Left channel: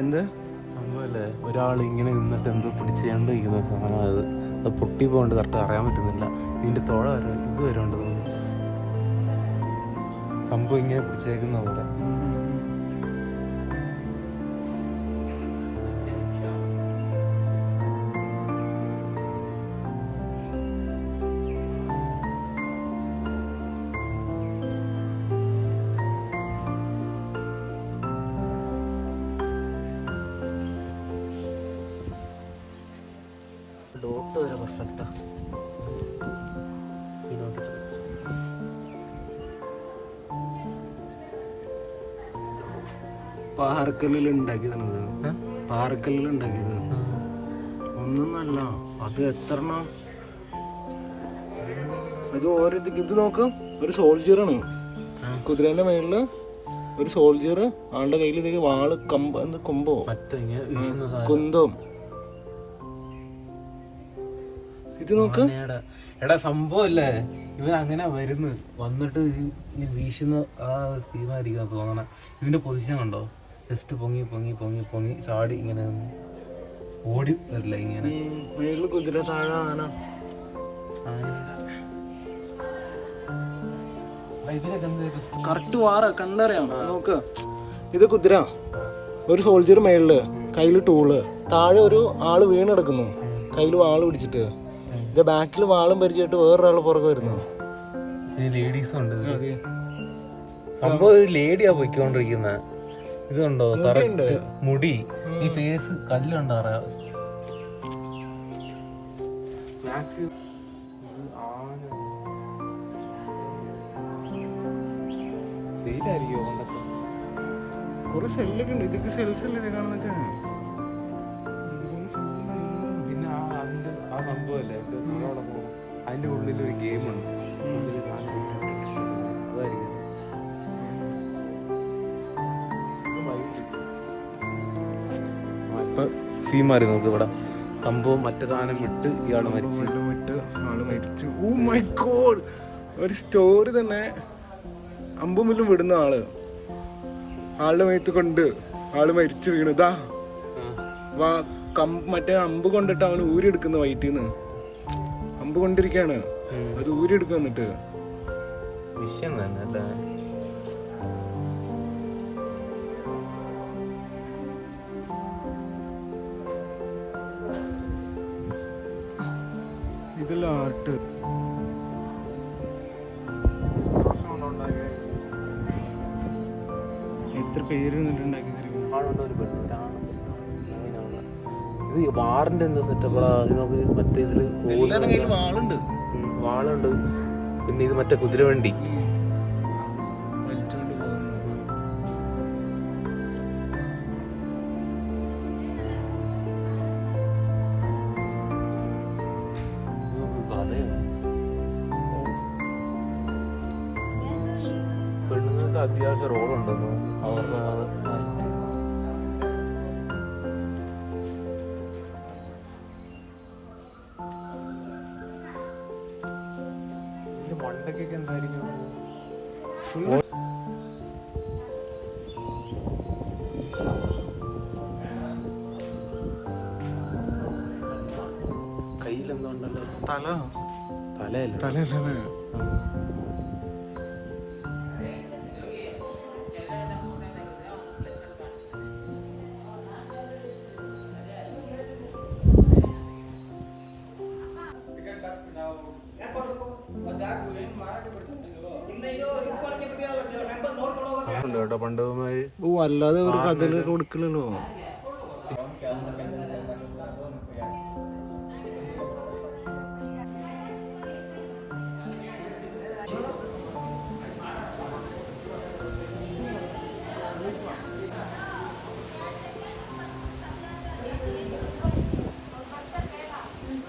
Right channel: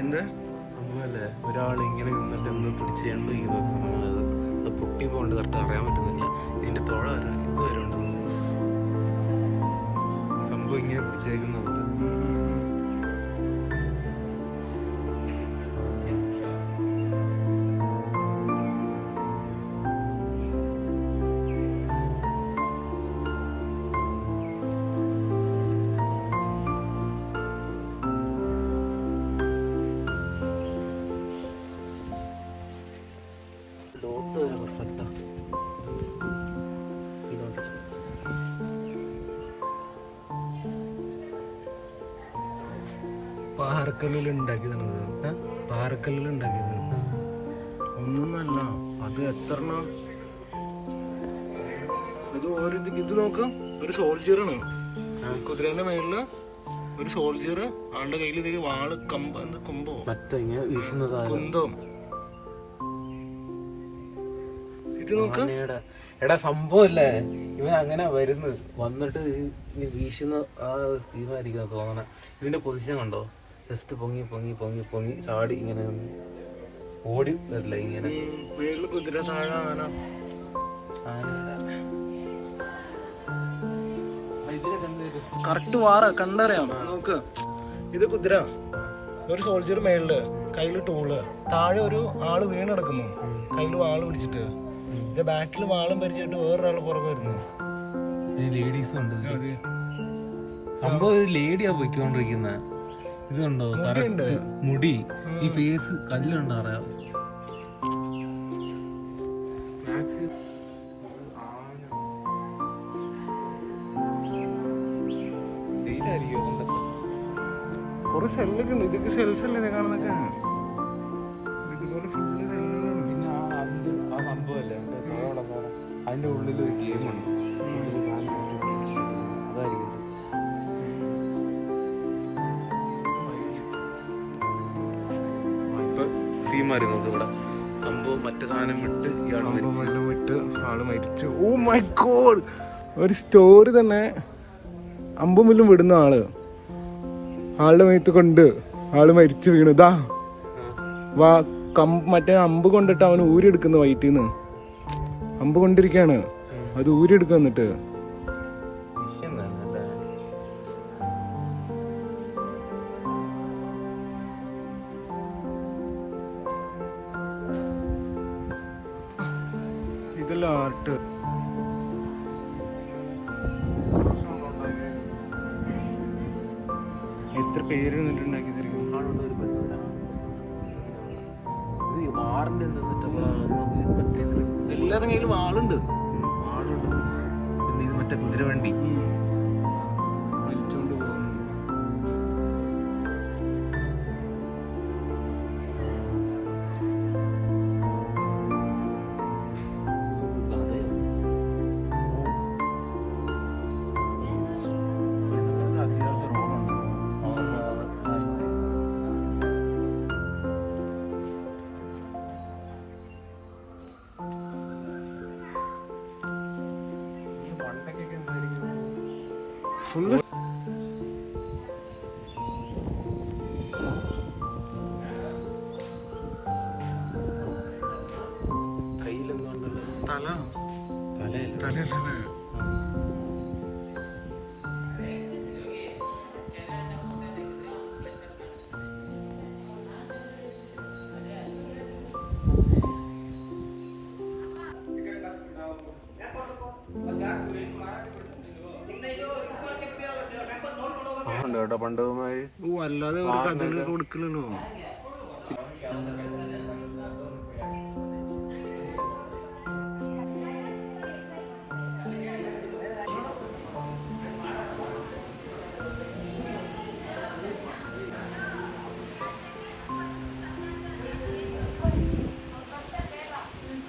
എന്ത് സംഭവല്ലേ, ഒരാൾ ഇങ്ങനെ നിന്നിട്ട് എന്ത് പിടിച്ച് കണ്ടിരിക്കുന്ന സാധനം അത് പൊട്ടി പോകൊണ്ട് കറക്റ്റ് അറിയാൻ പറ്റുന്നില്ല. ഇതിന്റെ തോള വരാൻ ഇത് വരാണ്ട് തോന്നുന്നു. സംഭവം ഇങ്ങനെ പിടിച്ചേക്കുന്ന പോലെ. ഡോട്ട് വരെ പെർഫെക്റ്റാ. പാറക്കല്ലിൽ ഉണ്ടാക്കിയതാണത്. പാറക്കല്ലിൽ ഉണ്ടാക്കിയതാണ്. ഒന്നൊന്നല്ല, അത് എത്ര ഇത് ഓരോ ഇത് നോക്ക്. ഒരു സോൾജിയറാണ് കുതിരേന്റെ മേളില്. ഒരു സോൾജിയർ ആളുടെ കയ്യിൽ ഇതേ വാള് കൊമ്പോ കുന്തോ. ഇത് നോക്ക്. എടാ സംഭവല്ലേ, ഇവൻ അങ്ങനെ വന്നിട്ട് വീശുന്ന ആ സ്കീമായിരിക്കും തോന്നണ. ഇതിന്റെ പൊസിഷൻ കണ്ടോ, ജസ്റ്റ് പൊങ്ങി പൊങ്ങി പൊങ്ങി പൊങ്ങി ചാടി ഇങ്ങനെ ഓടി വരില്ല ഇങ്ങനെ. മേളില് കുതിര, താഴെ ആന. കറക്റ്റ് വാറ കണ്ടറിയാം. നോക്ക്, ഇത് കുതിര, ഒരു സോൾജിയർ മേളില്, കയ്യില് ടൂള്, താഴെ ഒരു ആള് വീണെടുക്കുന്നു കയ്യില് വാള് പിടിച്ചിട്ട്. ഇത് ബാക്കിൽ വാളും പരിചയമായിട്ട് വേറൊരാള് പുറകെ വരുന്നു. ലേഡീസ് ഉണ്ട്. സംഭവം ലേഡിയാ പോയിക്കൊണ്ടിരിക്കുന്ന. ഇതുണ്ടോ മുടി, ഈ ഫേസ് കല്ലുണ്ടോ അറിയാം. കൊറേ സെല്ലൊക്കെ ഉണ്ട്. ഇതൊക്കെ സെൽസ് അല്ലേ കാണുന്നൊക്കെ. ഇതുപോലെ ഫുള്ള് സെല്ലുകളാണ്. പിന്നെ ആ സംഭവല്ലേ, അതിന്റെ ഉള്ളിൽ ഒരു ഗെയിമുണ്ട്. സീമാരി നോക്ക് ഇവിടെ സംഭവം. മറ്റേ സാധനം വിട്ട് വിട്ട് ആള് മരിച്ചു. ഓ മൈ ഗോഡ്, ഒരു സ്റ്റോറി തന്നെ. അമ്പുമില്ലും വിടുന്ന ആളുടെ മേത്ത് കൊണ്ട് ആള് മരിച്ചു വീണു. ഇതാ മറ്റേ അമ്പ് കൊണ്ടിട്ട് അവൻ ഊരിയെടുക്കുന്ന വയറ്റിന്ന്. അമ്പ് കൊണ്ടിരിക്കാണ്, അത് ഊരിയെടുക്കുക. എന്നിട്ട് ഇതല്ല ആർട്ട്. എത്ര പേര് ഉണ്ടാക്കി തരും. ഇത് വാറിന്റെ എന്താ സെറ്റപ്പാ. മറ്റേ എല്ലാവരുടെ കയ്യിൽ വാളുണ്ട്. പിന്നെ ഇത് മറ്റേ കുതിരവണ്ടി വലിച്ചോണ്ട് പോകുന്നു. അത്യാവശ്യം റോളുണ്ട്. മണ്ടക്കൊക്കെ എന്തായിരിക്കും ഫുള്ള് കയ്യിലെന്താ തലയല്ലേ. പണ്ട് അല്ലാതെ ഒരു കഥയില് കൊടുക്കില്ലല്ലോ.